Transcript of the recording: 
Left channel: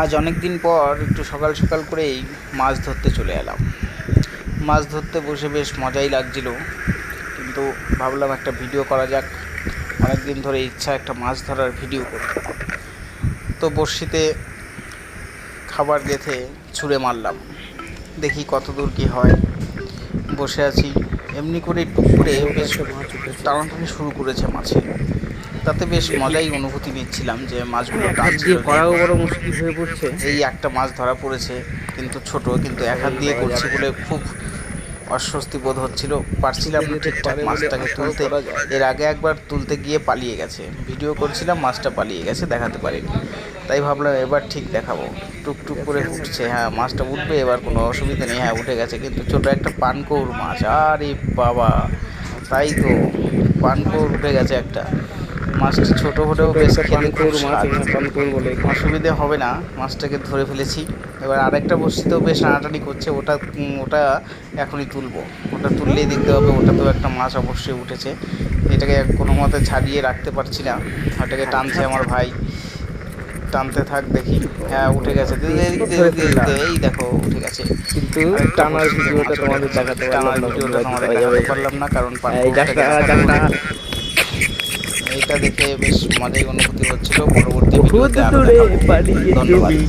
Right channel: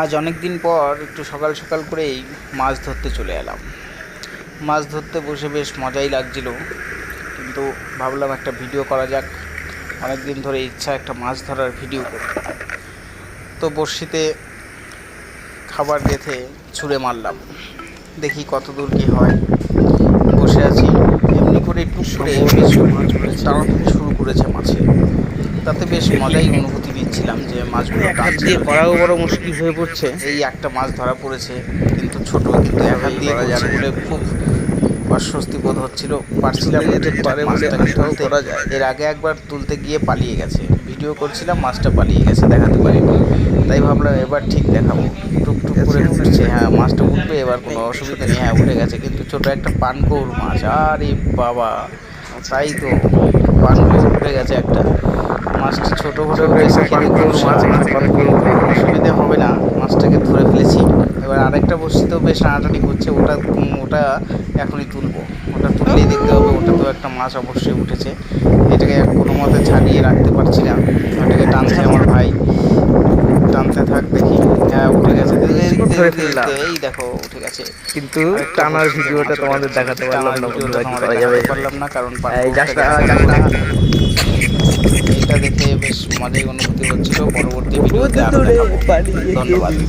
আজ অনেক দিন পর একটু সকাল সকাল করেই মাছ ধরতে চলে এলাম। মাছ ধরতে বসে বেশ মজাই লাগছিল, কিন্তু ভাবলাম একটা ভিডিও করা যাক। অনেক দিন ধরে ইচ্ছা একটা মাছ ধরার ভিডিও করব। তো বড়শিতে খাবার গেঁথে ছুঁড়ে মারলাম, দেখি কত দূর কী হয়। বসে আছি, এমনি করে টুক করে বেশ টানাটানি শুরু করেছে মাছে। তাতে বেশ মজাই অনুভূতি নিচ্ছিলাম যে মাছগুলো এক হাত দিয়ে টানছিল যে। করাও বড় মুশকিল হয়ে পড়ছে। এই একটা মাছ ধরা পড়েছে, কিন্তু ছোট, কিন্তু এক হাত দিয়ে করা করছি যাবে বলে খুব অস্বস্তি বোধ হচ্ছিল, পারছিলাম ছুঁড়ে না যেতে ঠিকঠাক পারে বলে মাছটাকে আশাও তুলতে। করা যায়। এর আগে একবার তুলতে গিয়ে পালিয়ে গেছে, ভিডিও করছিলাম, মাছটা পালিয়ে গেছে, দেখাতে পারিনি। তাই ভাবলাম এবার ঠিক দেখাবো। টুকটুক করে উঠছে, হ্যাঁ মাছটা উঠবে, এবার কোনো অসুবিধা নেই। হ্যাঁ উঠে গেছে, কিন্তু ছোট একটা পানকৌড় মাছ। আরে বাবা, তাই তো, পানকৌড় উঠে গেছে একটা। মাছটা ছোট হলেও বেশ একটা খেতে খুব পানকৌড় মাছ, স্বাদ। এখানে পানকৌড় বলে। অসুবিধে হবে না, মাছটাকে ধরে ফেলেছি। এবার আরেকটা বড়শিতেও বেশ টানাটানি করছে, ওটা এখনই তুলবো। ওটা তুললেই দেখতে হবে, ওটাতেও একটা মাছ অবশ্যই উঠেছে। এটাকে কোনো মতে ছাড়িয়ে রাখতে পারছি না, ওটাকে টানছে আমার ভাই। টানতে থাক, দেখি। হ্যাঁ উঠে গেছে, ধরে ফেললাম, এই দেখো উঠে গেছে। কিন্তু আরেকটা টানার বড়শিতে ভিডিওটা মাছ উঠে তোমাদের গেছে। দেখাতে পারলাম টানার না ভিডিওটা বন্ধুরা, কি তোমাদের করা যাবে। দেখাতে পারলাম না, কারণ এই পানকৌড়টাকে ডাকটা দেখাতে ডাকটা হতো। এইটা দেখে বেশ মজাই অনুভূতি হচ্ছিল। পরবর্তী বহুত ভিডিওতে আরও দূরে দেখাবো। পালিয়ে ধন্যবাদ। গেলি।